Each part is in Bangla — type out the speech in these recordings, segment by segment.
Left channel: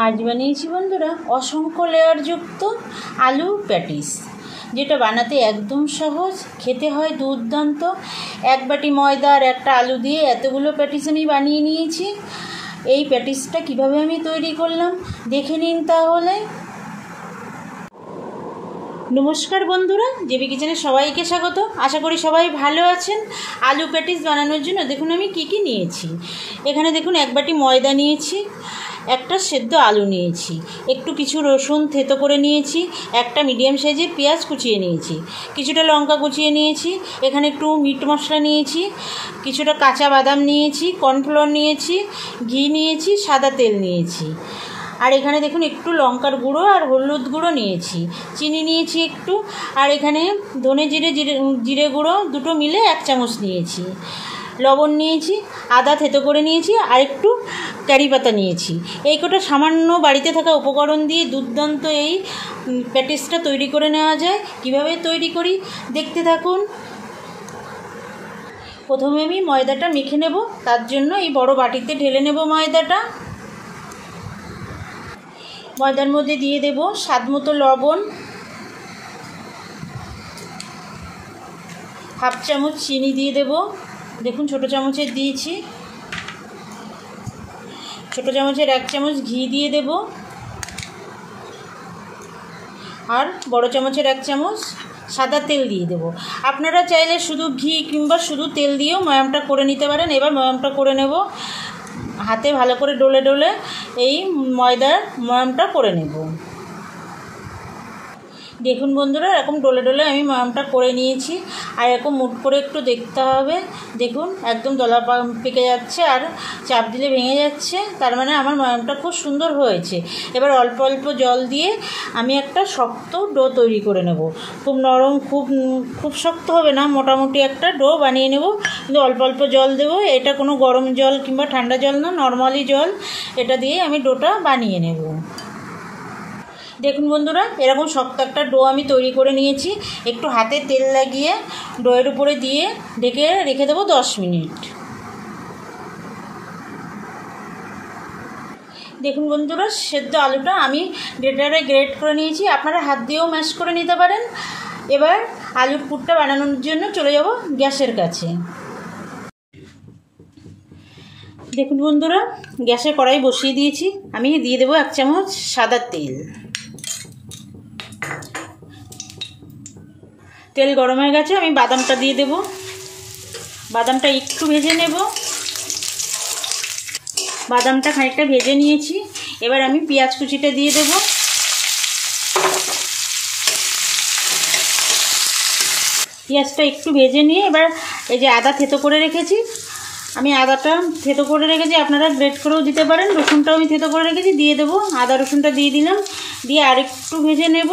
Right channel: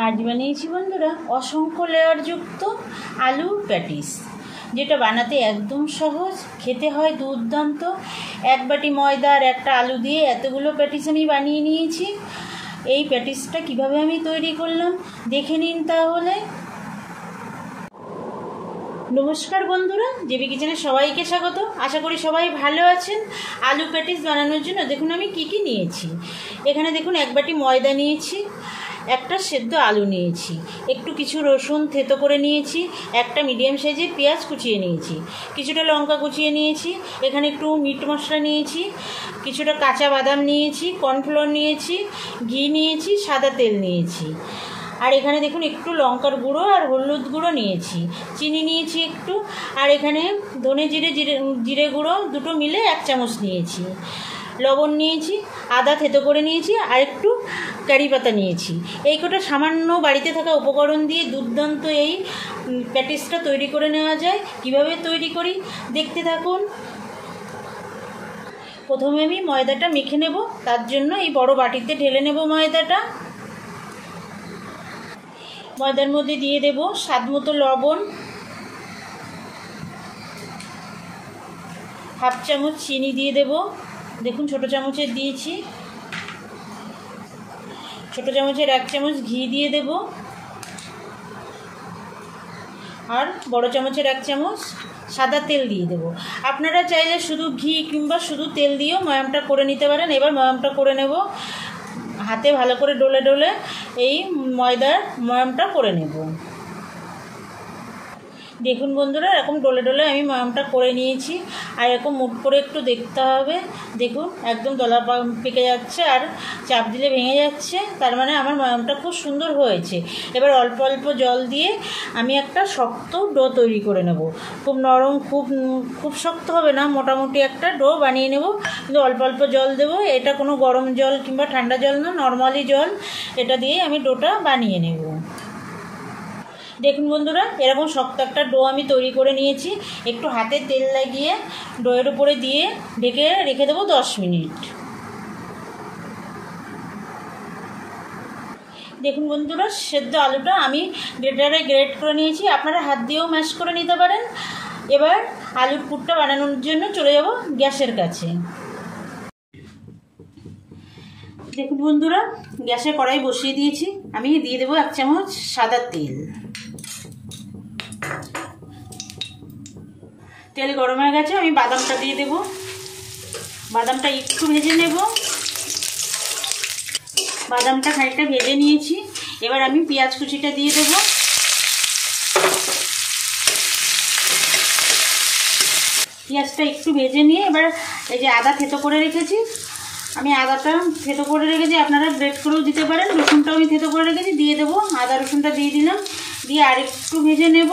আজ বানিয়েছি বন্ধুরা অসংখ্য লেয়ারযুক্ত আলু প্যাটিস, যেটা বানাতে একদম সহজ, খেতে হয় দুর্দান্ত। এক বাটি ময়দা আর একটা আলু দিয়ে এতগুলো প্যাটিস আমি বানিয়ে নিয়েছি। এই প্যাটিসটা কিভাবে আমি তৈরি করলাম দেখে নিন তাহলে। নমস্কার বন্ধুরা, জেবি কিচেনে সবাইকে স্বাগত। আশা করি সবাই ভালো আছেন। আলু প্যাটিস বানানোর জন্য দেখুন আমি কি নিয়েছি। এখানে দেখুন এক বাটি ময়দা নিয়েছি, একটা সেদ্ধ আলু নিয়েছি, একটু কিছু রসুন থেতো করে নিয়েছি, একটা মিডিয়াম সাইজের পেঁয়াজ কুচিয়ে নিয়েছি, কিছুটা লঙ্কা কুচিয়ে নিয়েছি, এখানে একটু মিট মশলা নিয়েছি, কিছুটা কাঁচা বাদাম নিয়েছি, কর্নফ্লাওয়ার নিয়েছি, ঘি নিয়েছি, সাদা তেল নিয়েছি, আর এখানে দেখুন একটু লঙ্কার গুঁড়ো আর হলুদ গুঁড়ো নিয়েছি, চিনি নিয়েছি একটু, আর এখানে ধনে জিরে গুঁড়ো দুটো মিলে 1 চামচ নিয়েছি, লবণ নিয়েছি, আদা থেতো করে নিয়েছি, আর একটু কারি পাতা নিয়েছি। এই কটা সামান্য বাড়িতে থাকা উপকরণ দিয়ে দুর্দান্ত এই প্যাটিসটা তৈরি করে নেওয়া যায়। কিভাবে তৈরি করি দেখতে থাকুন। প্রথমে আমি ময়দাটা মেখে নেব, তার জন্য এই বড় বাটিতে ঢেলে নেব ময়দাটা। ময়দার মধ্যে দিয়ে দেব স্বাদ মতো লবণ, 1/2 চামচ চিনি দিয়ে দেব, দেখুন ছোটো চামচের দিয়েছি, ছোটো চামচের 1 চামচ ঘি দিয়ে দেব, আর বড় চামচের 1 চামচ সাদা তেল দিয়ে দেব। আপনারা চাইলে শুধু ঘি কিংবা শুধু তেল দিয়েও ময়ামটা করে নিতে পারেন। এবার ময়ামটা করে নেব, হাতে ভালো করে ডলে ডলে এই ময়দার ময়ামটা করে নেব। দেখুন বন্ধুরা, এরকম ডলে ডলে আমি ময়ামটা করে নিয়েছি। আর এরকম মুঠ করে একটু দেখতে হবে, দেখুন একদম দলা পেকে যাচ্ছে আর চাপ দিলে ভেঙে যাচ্ছে, তার মানে আমার ময়ামটা খুব সুন্দর হয়েছে। এবার অল্প অল্প জল দিয়ে আমি একটা শক্ত ডো তৈরি করে নেব। খুব নরম, খুব শক্ত হবে না, মোটামুটি একটা ডো বানিয়ে নেব, কিন্তু অল্প অল্প জল দেবো। এটা কোনো গরম জল কিংবা ঠান্ডা জল না, নর্মালি জল, এটা দিয়ে আমি ডোটা বানিয়ে নেব। দেখুন বন্ধুরা, এরকম শক্ত একটা ডো আমি তৈরি করে নিয়েছি। একটু হাতে তেল লাগিয়ে ডোয়ের উপরে দিয়ে ঢেকে রেখে দেবো 10 মিনিট। দেখুন বন্ধুরা, সেদ্ধ আলুটা আমি গ্রেটারে গ্রেট করে নিয়েছি, আপনারা হাত দিয়েও ম্যাশ করে নিতে পারেন। এবার আলুর পুরটা বানানোর জন্য চলে যাব গ্যাসের কাছে। দেখুন বন্ধুরা, গ্যাসে কড়াই বসিয়ে দিয়েছি, আমি দিয়ে দেবো 1 চামচ সাদা তেল। তেল গরম হয়ে গেছে, আমি বাদামটা দিয়ে দেব। বাদামটা একটু ভেজে নেব। বাদামটা খানিকটা ভেজে নিয়েছি। এবার আমি পেঁয়াজ কুচিটা দিয়ে দেব। পেঁয়াজটা একটু ভেজে নিয়ে এবার এই যে আদা থেতো করে রেখেছি, আমি আদাটা থেতো করে রেখেছি, আপনারা গ্রেট করেও দিতে পারেন। রসুনটাও আমি থেতো করে রেখেছি, দিয়ে দেবো। আদা রসুনটা দিয়ে দিলাম, দিয়ে আরেকটু ভেজে নেব।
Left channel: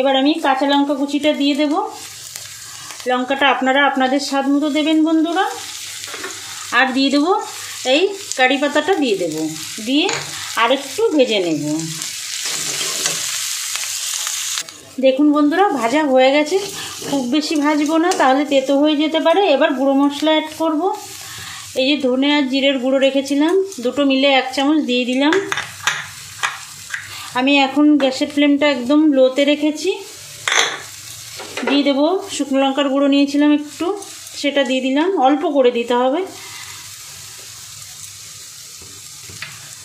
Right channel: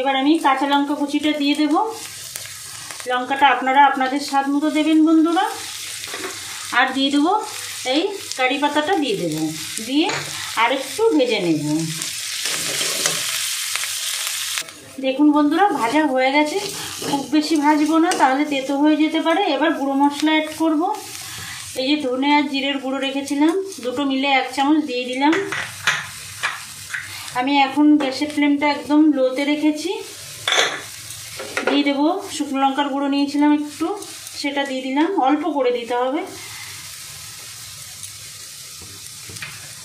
এবার আমি কাঁচা লঙ্কা কুচিটা দিয়ে দেব। লঙ্কাটা আপনারা আপনাদের স্বাদ মতো দেবেন বন্ধুরা। আর দিয়ে দেবো এই কারি পাতাটা দিয়ে দেব, দিয়ে আরেকটু ভেজে নেব। দেখুন বন্ধুরা, ভাজা হয়ে গেছে। খুব বেশি ভাজবো না, তাহলে তেতো হয়ে যেতে পারে। এবার গুঁড়ো মশলা অ্যাড করব। এই যে ধনে আর জিরের গুঁড়ো রেখেছিলাম, দুটো মিলে 1 চামচ দিয়ে দিলাম। আমি এখন গ্যাসের ফ্লেমটা একদম লোতে রেখেছি। দিয়ে দেবো শুকনো লঙ্কার গুঁড়ো নিয়েছিলাম একটু, সেটা দিয়ে দিলাম, অল্প করে দিতে হবে।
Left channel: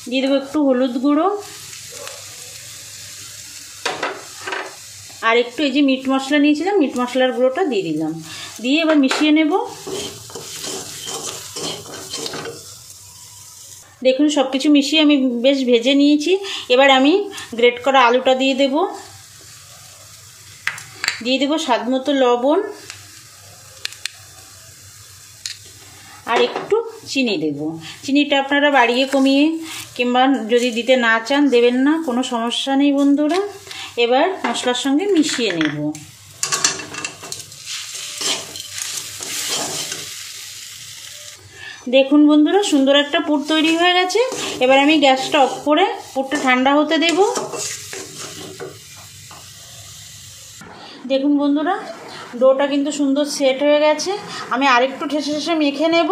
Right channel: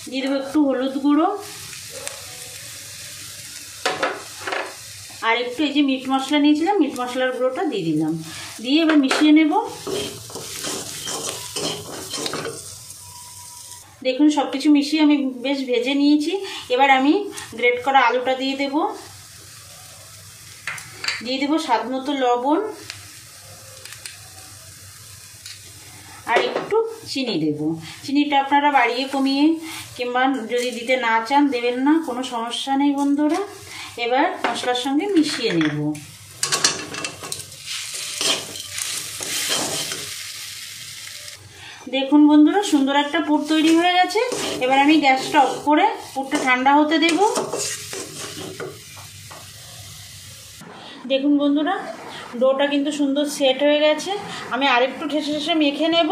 দিয়ে দেবো একটু হলুদ গুঁড়ো, আর একটু এই যে মিট মশলা নিয়েছিলাম, মিট মশলার গুঁড়োটা দিয়ে দিলাম। দিয়ে এবার মিশিয়ে নেব। দেখুন সব কিছু মিশিয়ে আমি বেশ ভেজে নিয়েছি। এবার আমি গ্রেট করা আলুটা দিয়ে দেব। দিয়ে দেবো স্বাদ মতো লবণ, আর একটু চিনি দেব। চিনিটা আপনারা বাড়িয়ে কমিয়ে কিংবা যদি দিতে না চান দেবেন না, কোনো সমস্যা নেই বন্ধুরা। এবার মশলার সঙ্গে মিশিয়ে নেব। দেখুন বন্ধুরা, সুন্দর একটা পুর তৈরি হয়ে গেছে। এবার আমি গ্যাসটা অফ করে পুরটা ঠান্ডা হতে দেব। দেখুন বন্ধুরা, ডোটা কিন্তু সুন্দর সেট হয়ে গেছে। আমি আরেকটু ঠেসে ঠেসে মেখে নেব।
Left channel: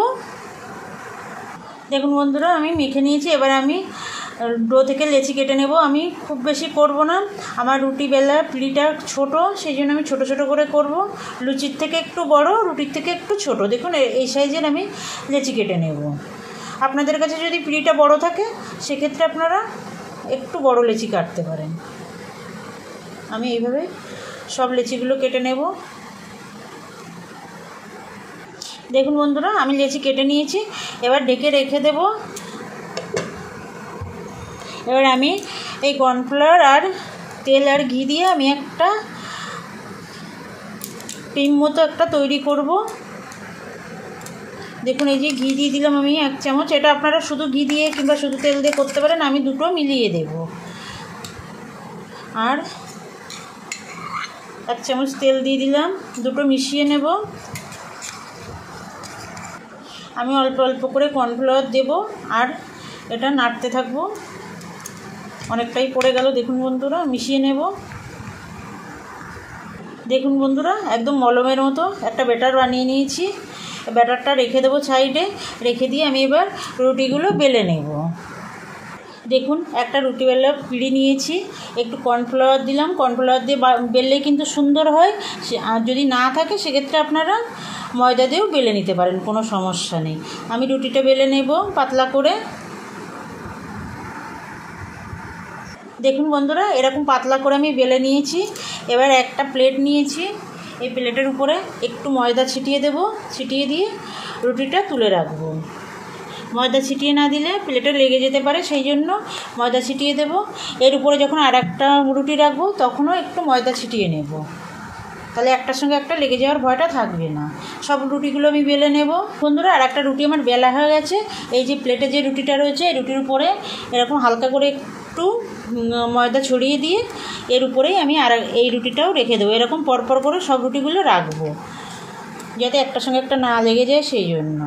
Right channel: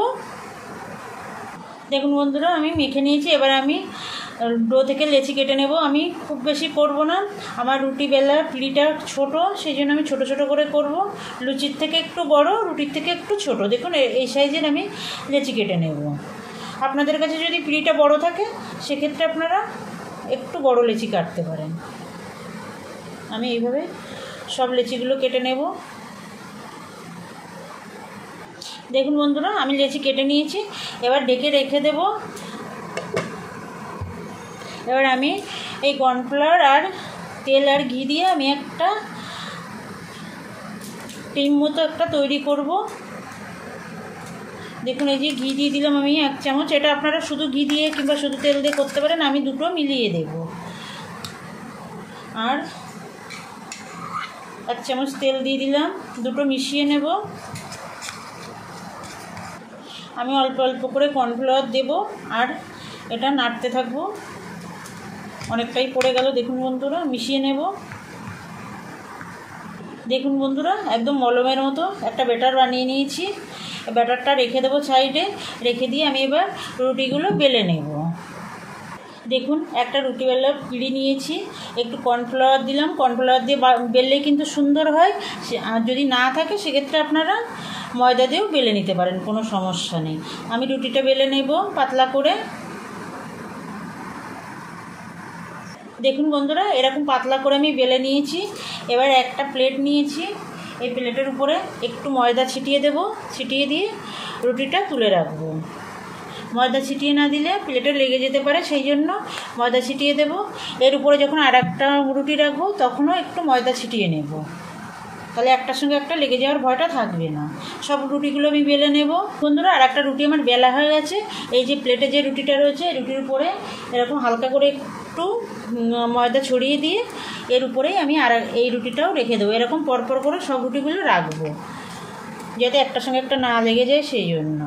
দেখুন বন্ধুরা, আমি মেখে নিয়েছি। এবার আমি ডো থেকে লেচি কেটে নেব। আমি খুব বেশি করব না, আমার রুটি বেলার পিঁড়িটা ছোট, সেই জন্য আমি ছোট ছোট করে করব। লুচির থেকে একটু বড়, রুটির থেকে একটু ছোট। দেখুন এই সাইজের আমি লেচি কেটে নেব। আপনাদের কাছে যদি পিঁড়িটা বড় থাকে সেক্ষেত্রে আপনারা একটু বড় লেচি কাটতে পারেন। আমি এইভাবে সব লেচিগুলো কেটে নেব। দেখুন বন্ধুরা, আমি লেচি কেটে নিয়েছি। এবার ঢেকে রেখে দেব। এবার আমি এই কর্নফ্লাওয়ার আর তেল আর ঘি দিয়ে আমি একটা ক্রিম মতো একটা তৈরি করব। দেখুন এই যে ঘি দিয়ে দিলাম আমি 1 চামচ। এটা আপনারা শুধু ঘি দিয়ে কিংবা শুধু তেল দিয়ে করতে পারেন, আমি দুটো মিলিয়ে দেব। আর 1 চামচ তেল দিয়ে দিলাম, দুটো মিশিয়ে নেব। আমি অল্প অল্প করে কর্নফ্লাওয়ার দেব আর এটা নাড়তে থাকবো। অনেকটাই পড়ে গেল। দেখুন বন্ধুরা, মিশিয়ে নেব। দেখুন বন্ধুরা, একদম মলমের মতো একটা ব্যাটার বানিয়ে নিয়েছি। ব্যাটারটা রেখে দেবো সাইডে। রেখে দিয়ে আমি এবার রুটিগুলো বেলে নেব। দেখুন একটা রুটি বেলার পিঁড়ি নিয়েছি, একটু কর্নফ্লাওয়ার দিলাম। কর্নফ্লাওয়ার দিয়ে বেললে কিন্তু সুন্দর হয়। আর যদি না থাকে সেক্ষেত্রে আপনারা ময়দা দিয়েও বেলে নিতে পারেন, কোনো সমস্যা নেই। আমি রুটিটা বেলে নেব পাতলা করে। দেখুন বন্ধুরা, এরকম পাতলা করে আমি বেলে নিয়েছি। এবার একটা প্লেট নিয়েছি, এই প্লেটের উপরে একটু ময়দা ছিটিয়ে দেব। ছিটিয়ে দিয়ে রুটিটা তুলে রাখবো। ময়দা ছিটিয়ে না দিলে প্লেটে লেগে যেতে পারে, সেই জন্য ময়দা ছিটিয়ে দেব। এর উপরে যখন আর একটা রুটি রাখবো তখনও একটু ময়দা ছিটিয়ে নেব, তাহলে একটার সঙ্গে একটা লেগে যাওয়ার ভয়টা থাকবে না। সব রুটিগুলো আমি বেলে নেব। বন্ধুরা, আর একটা রুটি আমার বেলা হয়ে গেছে। এই যে প্লেটে যে রুটিটা রয়েছে, এই রুটির উপরে এরকম হালকা করে একটু ময়দা ছড়িয়ে দিয়ে এর উপরেই আমি আর এই রুটিটাও রেখে দেবো। এরকম পরপর করে সব রুটিগুলো রাখবো, যাতে একটার সঙ্গে একটা না লেগে যায়, সেই জন্য।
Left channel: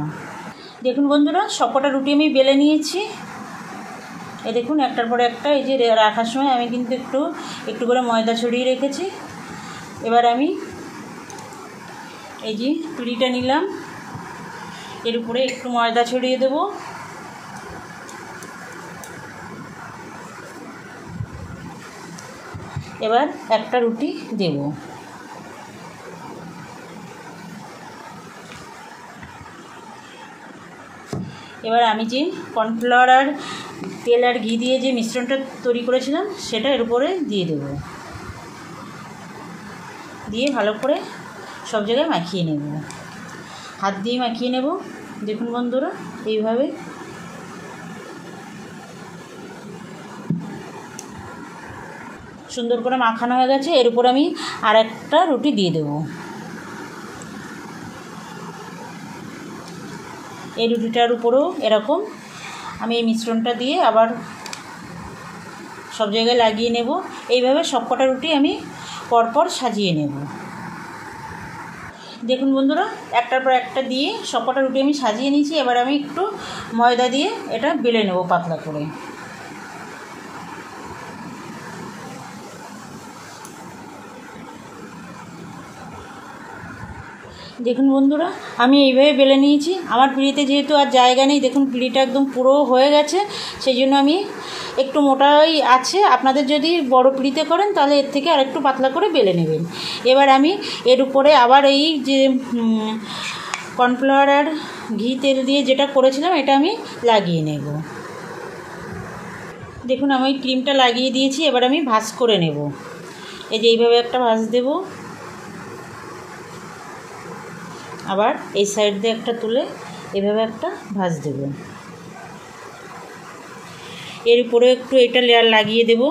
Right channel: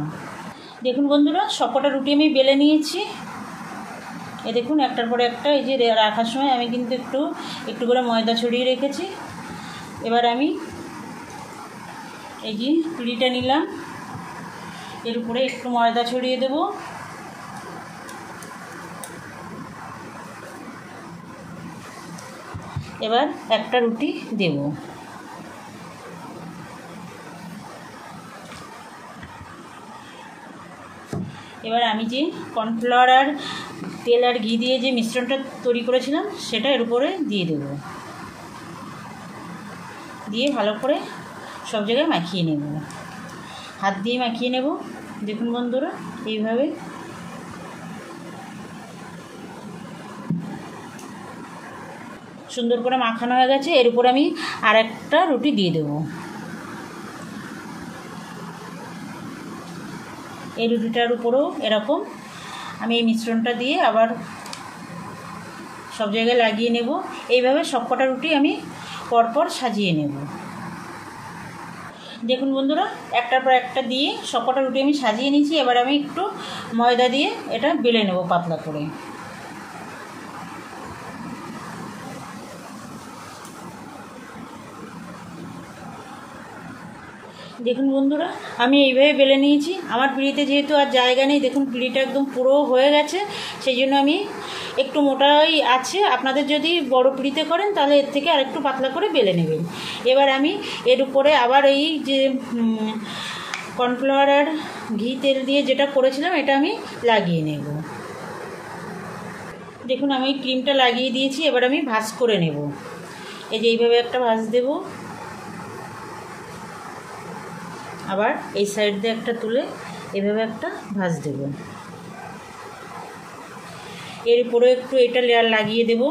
দেখুন বন্ধুরা, সবকটা রুটি আমি বেলে নিয়েছি। এ দেখুন একটার পরে একটা, এই যে রাখার সময় আমি কিন্তু একটু একটু করে ময়দা ছড়িয়ে রেখেছি। এবার আমি এই যে পিঁড়িটা নিলাম, এর উপরে একটু ময়দা ছড়িয়ে দেব। এবার একটা রুটি দেব। এবার আমি যে কর্নফ্লাওয়ার আর তেল আর ঘি দিয়ে যে মিশ্রণটা তৈরি করেছিলাম সেটা এর উপরে দিয়ে দেব। দিয়ে ভালো করে সব জায়গায় মাখিয়ে নেব, হাত দিয়ে মাখিয়ে নেব। দেখুন বন্ধুরা, এইভাবে সুন্দর করে মাখানো হয়ে গেছে। এর উপর আমি আর একটা রুটি দিয়ে দেব। এই রুটিটার উপরেও এরকম আমি এই মিশ্রণটা দিয়ে আবার সব জায়গায় লাগিয়ে নেব। এইভাবে সবকটা রুটি আমি পরপর সাজিয়ে নেব। দেখুন বন্ধুরা, একটার পর একটা দিয়ে সবকটা রুটি আমি সাজিয়ে নিয়েছি। এবার আমি একটু ময়দা দিয়ে এটা বেলে নেব পাতলা করে। দেখুন বন্ধুরা, আমি এইভাবে বেলে নিয়েছি। আমার পিঁড়িতে যেহেতু আর জায়গা নেই, দেখুন পিঁড়িটা একদম পুরো হয়ে গেছে, সেই জন্য আমি একটু মোটাই আছে। আপনাদের যদি বড় পিঁড়িতে করেন তাহলে এর থেকে আরেকটু পাতলা করে বেলে নেবেন। এবার আমি এর উপরে আবার এই যে কর্নফ্লাওয়ার আর ঘি তেল দিয়ে যেটা করেছিলাম এটা আমি লাগিয়ে নেব। দেখুন আমি ক্রিমটা লাগিয়ে দিয়েছি। এবার আমি ভাঁজ করে নেব। এই যে এইভাবে একটা ভাঁজ দেব, আবার এই সাইড দিয়ে একটা তুলে এভাবে একটা ভাঁজ দেব। এর উপরে একটু এটা লেয়ার লাগিয়ে দেব।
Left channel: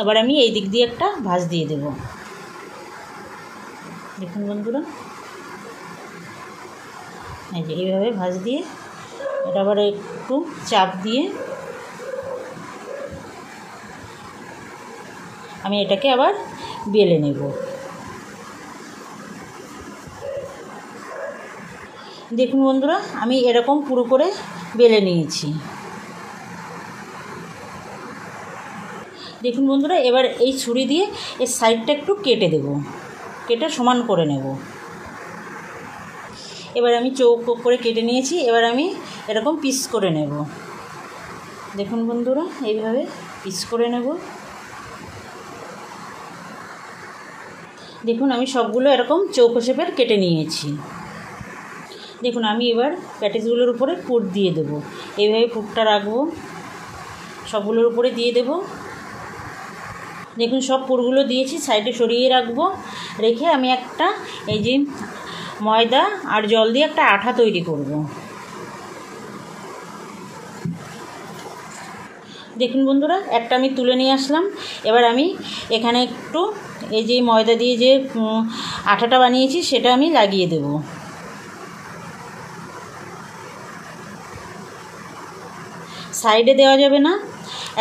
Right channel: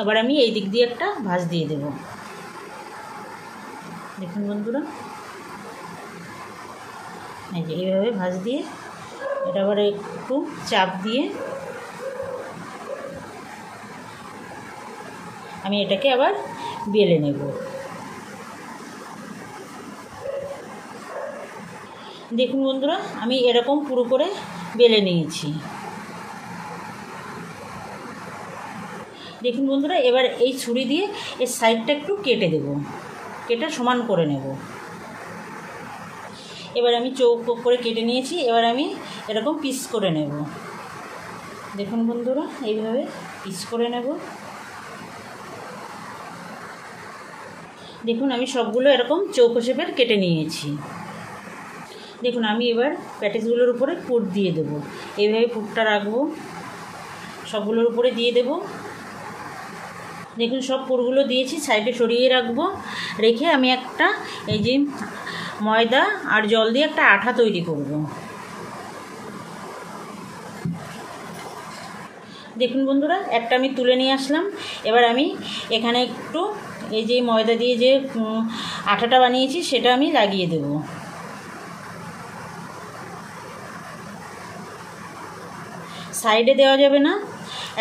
আবার আমি এই দিক দিয়ে একটা ভাঁজ দিয়ে দেব। দেখুন বন্ধুরা, এই যে এইভাবে ভাঁজ দিয়ে এটা আবার একটু চাপ দিয়ে আমি এটাকে আবার বেলে নেব। দেখুন বন্ধুরা, আমি এরকম পুরো করে বেলে নিয়েছি। দেখুন বন্ধুরা, এবার এই ছুরি দিয়ে এর সাইডটা একটু কেটে দেব, কেটে সমান করে নেব। এবার আমি চৌকো করে কেটে নিয়েছি, এবার আমি এরকম পিস করে নেব। দেখুন বন্ধুরা, এইভাবে পিস করে নেব। দেখুন আমি সবগুলো এরকম চৌকো শেপের কেটে নিয়েছি। দেখুন আমি এবার প্যাটিসগুলোর উপরে পুর দিয়ে দেব। এইভাবে পুরটা রাখবো, সবগুলোর উপরে দিয়ে দেব। দেখুন সব পুরগুলো দিয়েছি, সাইডে সরিয়ে রাখবো। রেখে আমি একটা এই যে ময়দা আর জল দিয়ে একটা আঠা তৈরি করব। দেখুন বন্ধুরা, একটা আমি তুলে নিয়ে আসলাম। এবার আমি এখানে একটু এই যে ময়দা দিয়ে যে আঠাটা বানিয়েছি সেটা আমি লাগিয়ে দেব। সাইডে দেওয়া যাবে না,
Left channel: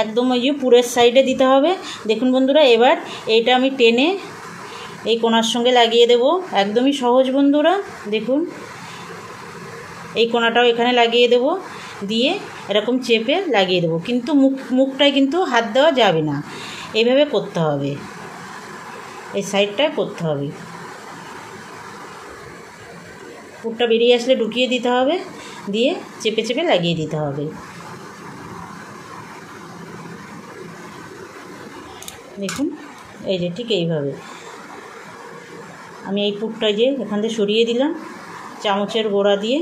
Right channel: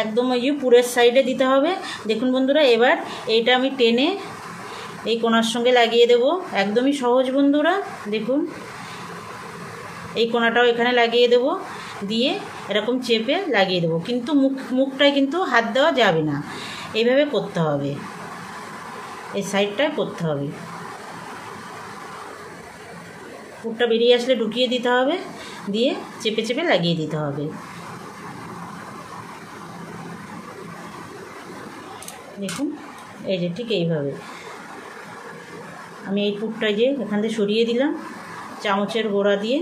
একদম ওই যে পুরের সাইডে দিতে হবে। দেখুন বন্ধুরা, এবার এইটা আমি টেনে এই কোণার সঙ্গে লাগিয়ে দেব। একদমই সহজ বন্ধুরা। দেখুন এই কোণাটাও এখানে লাগিয়ে দেব, দিয়ে এরকম চেপে লাগিয়ে দেব। কিন্তু মুখটায় কিন্তু হাত দেওয়া যাবে না, এইভাবে করতে হবে, এই সাইডটায় করতে হবে। পুরটা বেরিয়ে আসলে ঢুকিয়ে দিতে হবে, দিয়ে চেপে চেপে লাগিয়ে দিতে হবে। দেখুন এই যে ঠিক এইভাবে আমি এই পুরটা যে এখান থেকে সরিয়ে দিলাম চামচের গোড়া দিয়ে।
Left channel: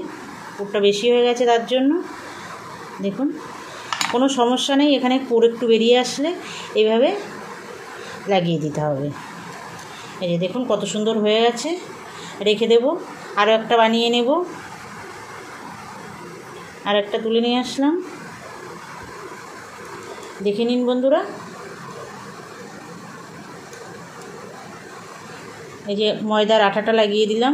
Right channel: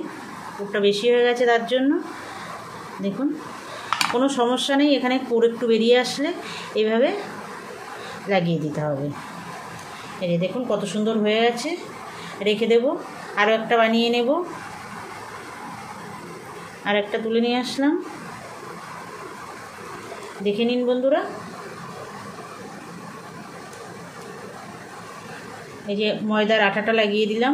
পুরটা বেশি হয়ে গেছে তার জন্য। দেখুন কোনো সমস্যা নেই, এখানে পুর একটু বেরিয়ে আসলে এইভাবে লাগিয়ে দিতে হবে। এই যে দেখুন কত সুন্দর হয়ে গেছে। রেখে দেব, আরও একটা বানিয়ে নেব। আর একটা তুলে নিয়ে আসলাম, দেখে নিন বন্ধুরা। এই যে ময়দার আঠাটা লাগিয়ে দিলাম।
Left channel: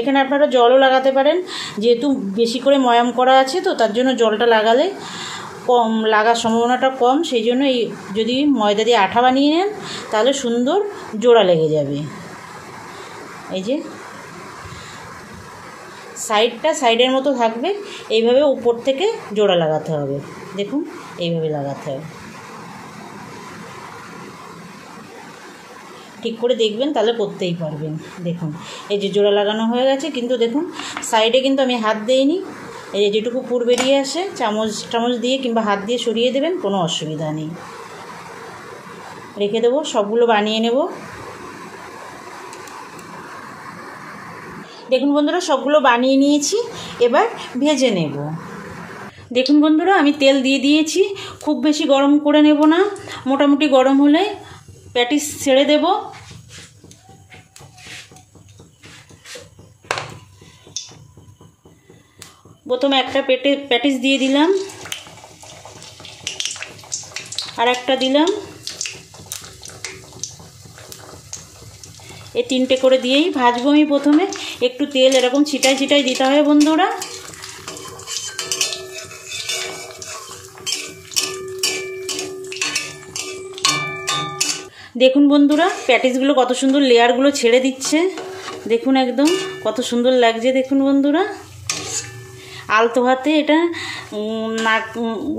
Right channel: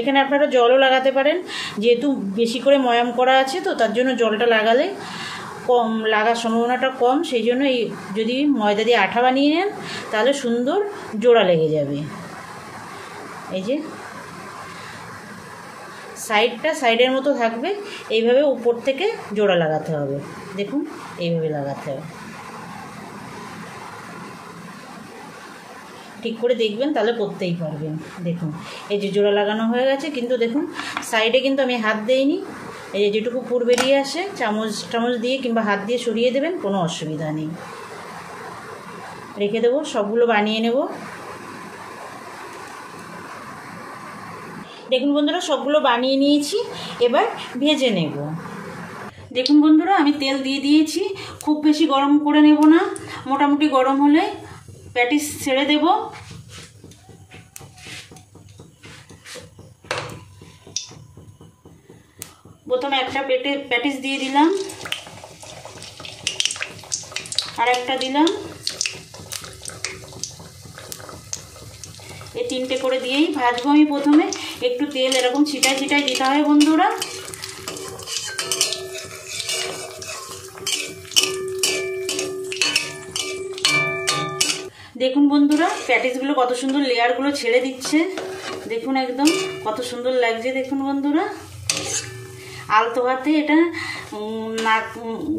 এখানে আপনারা জলও লাগাতে পারেন, যেহেতু বেশি করে ময়াম করা আছে তো তার জন্য জলটা লাগালে কম লাগার সম্ভাবনাটা কম। সেই জন্য এই যদি ময়দা দিয়ে আঠা বানিয়ে নেন তাহলে সুন্দর জোড়া লেগে যাবে। এই যে সাইডটা সাইডের মতো থাকবে, এইভাবে উপর থেকে জোড়া লাগাতে হবে। দেখুন এইভাবে লাগাতে হবে, ঠিক করে দেখবেন তাহলে করতেই পারবেন। দেখুন এই যে জোড়া লাগানো হয়ে গেছে, কিন্তু দেখুন সাইডে কিন্তু আমি হাত দিইনি। এই যে যেটুকু পুর বেরিয়ে আসে চামচ দিয়ে কিংবা হাত দিয়ে সরিয়ে দেবেন, কোনো অসুবিধা নেই। রেখে দেবো, সবগুলো বানিয়ে নেব। দেখুন বন্ধুরা, সবগুলো বানিয়ে নিয়েছি, এবার ভেজে নেব। দেখুন বন্ধুরা, আমি তেল দিয়ে দিয়েছি। খুব বেশি গরম করে নেব না, মোটামুটি গরম হলে প্যাটিস ছেড়ে দেব। প্রথমে একটা প্যাটিস দিয়ে দিলাম, আর একটা দিলাম। এই তিনটে করে দিয়েই ভাজবো আমি। প্রথমে একটু তেল এরকম ছিটায় ছিটায় দিতে হয় বন্ধুরা। দেখুন বন্ধুরা, প্যাটিসগুলো কত সুন্দর লেয়ারগুলো ছেড়ে দিচ্ছে। দেখুন একদম কত সুন্দর লাগছে। দেখুন বন্ধুরা, আলতো হাতে এটা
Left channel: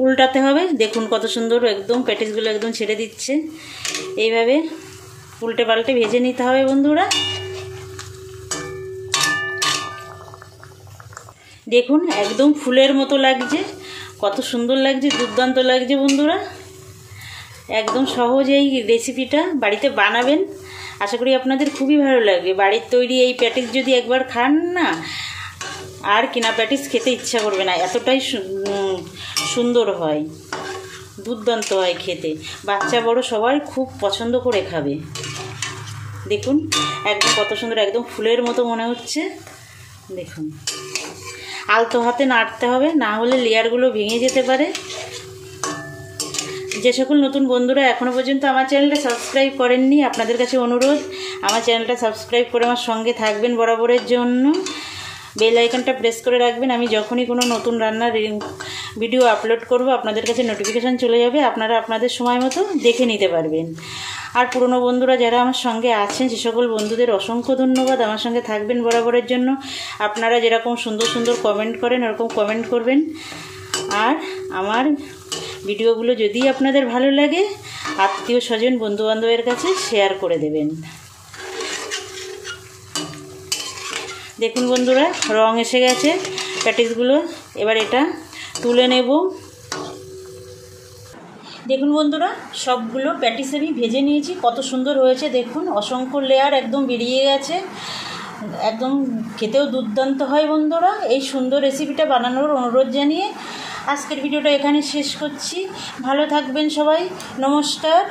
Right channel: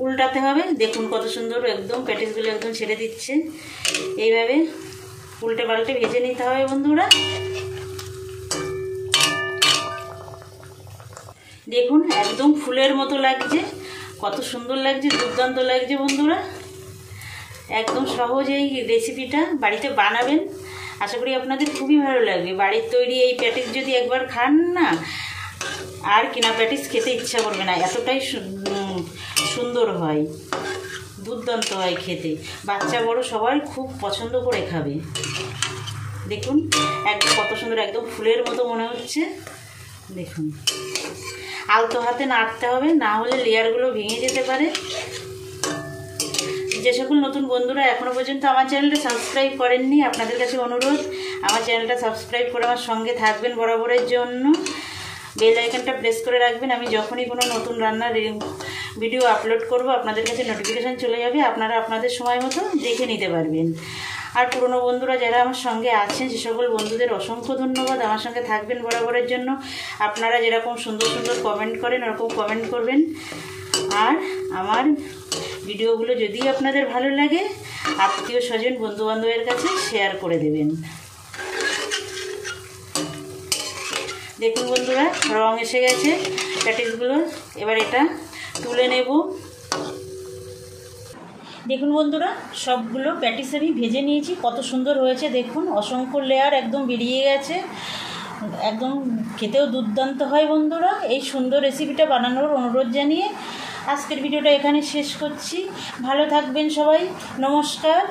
উল্টাতে হবে। দেখুন কত সুন্দর একদম প্যাটিসগুলো একদম ছেড়ে দিচ্ছে। এইভাবে উল্টে পাল্টে ভেজে নিতে হবে বন্ধুরা। দেখুন একদম ফুলের মতো লাগছে, কত সুন্দর লাগছে, দুর্দান্ত লাগছে বন্ধুরা। একদম সহজ এই রেসিপিটা বাড়িতে বানাবেন, আশা করি আপনাদের খুবই ভালো লাগবে। বাড়ির তৈরি এই প্যাটিস যদি একবার খান না, আর কিনা প্যাটিস খেতে ইচ্ছা করবে না, এতটাই সুন্দর হয়, দুর্দান্ত হয় খেতে। বাচ্চা বড় সবাই খুব পছন্দ করে খাবে। দেখুন একদম কত সুন্দর, একদম ফুলের মতো মনে হচ্ছে। দেখুন আলতো হাতে নাড়তে হবে, না হলে লেয়ারগুলো ভেঙে যেতে পারে। যে সকল নতুন বন্ধুরা এখনও পর্যন্ত আমার চ্যানেলটা সাবস্ক্রাইব করেননি, আপনাদের কাছে অনুরোধ আমার চ্যানেলটা সাবস্ক্রাইব করে আমার সঙ্গে থাকবেন বরাবরের জন্য। বেল আইকনটা প্রেস করে রাখবেন, আমি যখনই কোনো নতুন রান্নার ভিডিও আপলোড করব আপনাদের কাছে নোটিফিকেশান চলে যাবে, আপনারা আপনাদের সময় মতো দেখে নিতে পারবেন। আর পুরনো বন্ধুরা যারা আমার সঙ্গে আছেন সে সকল বন্ধুদের অসংখ্য ধন্যবাদ, আমার সঙ্গে থাকবেন বরাবরের জন্য। আপনারা যেরকম সুন্দর সুন্দর কমেন্ট করেন ওরকম কমেন্ট করবেন, আর আমার ভিডিওগুলো যদি আপনাদের ভালো লাগে আত্মীয় স্বজন বন্ধুবান্ধবের কাছে শেয়ার করে দেবেন। দেখুন বন্ধুরা, রং এসে গেছে প্যাটিসগুলো। এবার এটা তুলে নেব। দেখুন বন্ধুরা, সবগুলো প্যাটিস আমি ভেজে নিয়েছি। কত সুন্দর হয়েছে দেখুন, অসংখ্য লেয়ার একদম বেরিয়ে গেছে। একদম খেতেও দুর্দান্ত হয় বন্ধুরা। এই সুন্দর রেসিপিটা বানানোর অনুরোধ জানিয়ে আজকের ভিডিওটা এখানে শেষ করছি। ভালো থাকবেন সবাই, নমস্কার।